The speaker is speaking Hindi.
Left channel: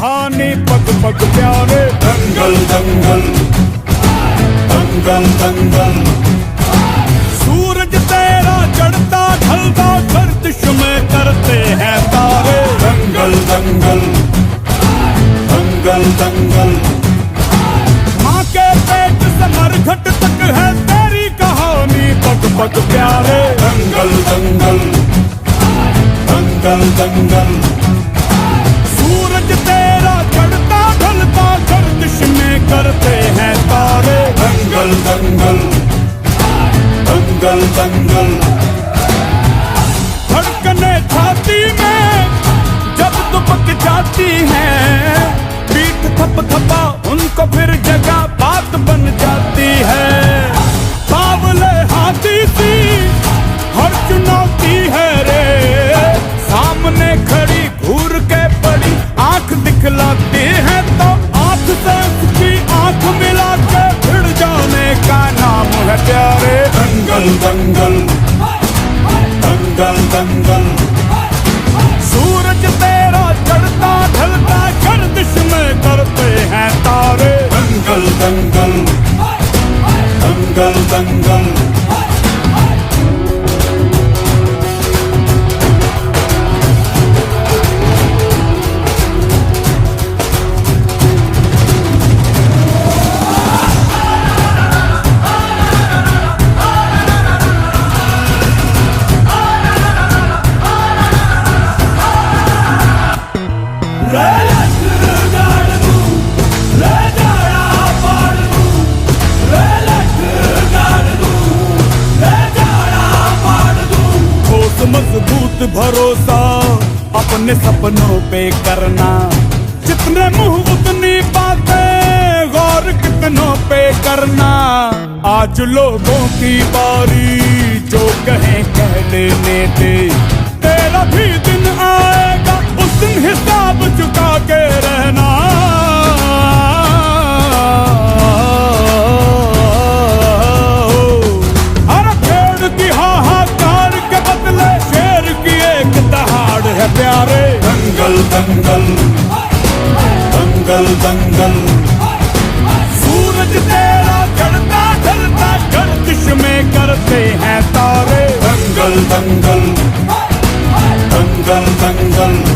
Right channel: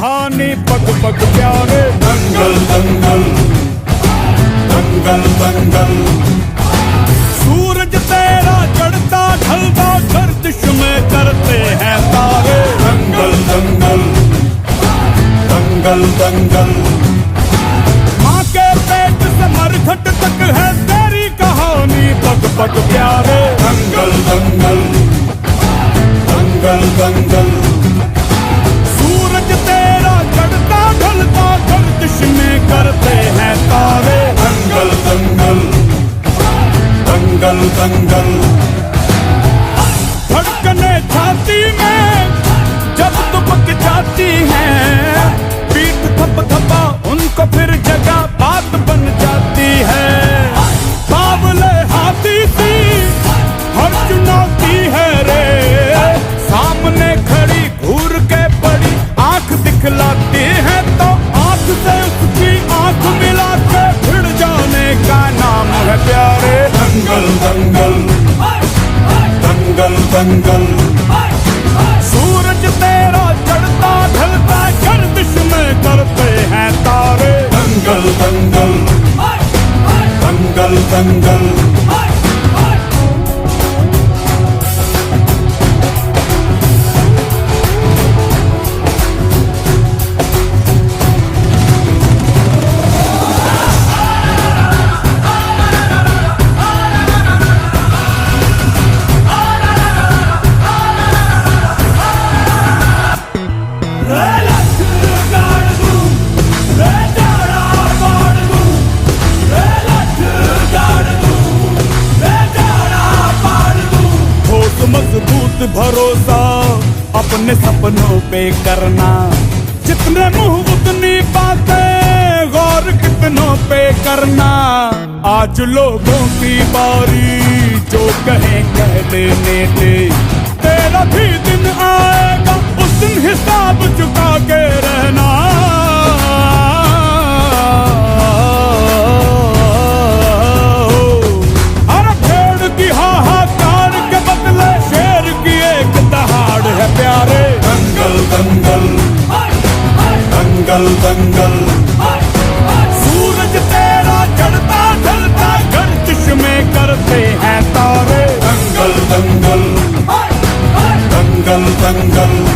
कहानी पग पग प्यारे। दंगल दंगल दंगल दंगल। सूरज तेरा चढ़ता ढलता गर्दिश में करते हैं तारे। दंगल दंगल दंगल दंगल। माँ के पेट से मरघट तक है तेरी कहानी पग पग प्यारे। दंगल दंगल दंगल दंगल। सूरज तेरा चढ़ता ढलता गर्दिश में करते हैं तारे। दंगल दंगल दंगल दंगल। धड़कने छाती में जब दुबक जाती हैं, पीठ थप थपा उनको फिर जगह बात बन जाती है। बावले हाथी सी हर चुनौती है रे, सामने खड़ी घूर के बड़ी आंख दिखलाती है तो आंख से उसकी आंख मिला के भिड़ जाने का नाम है प्यारे। दंगल दंगल दंगल दंगल। सूरज तेरा चढ़ता ढलता गर्दिश में करते हैं तारे। दंगल दंगल दंगल दंगल। मजबूत भरोसा अपने सपनों पे करना, जितने मुंह उतनी बातें गौर कितनों पे करना। आज लोगों की बारी जो कहें कह लेने दे, तेरा भी दिन आएगा उस दिन हिसाब चुका के रहना। अरे भेड़ की हाहाकार के बदले शेर की एक दहाड़ है प्यारे। दंगल दंगल दंगल दंगल। सूरज तेरा चढ़ता ढलता गर्दिश में करते हैं तारे। दंगल दंगल दंगल दंगल।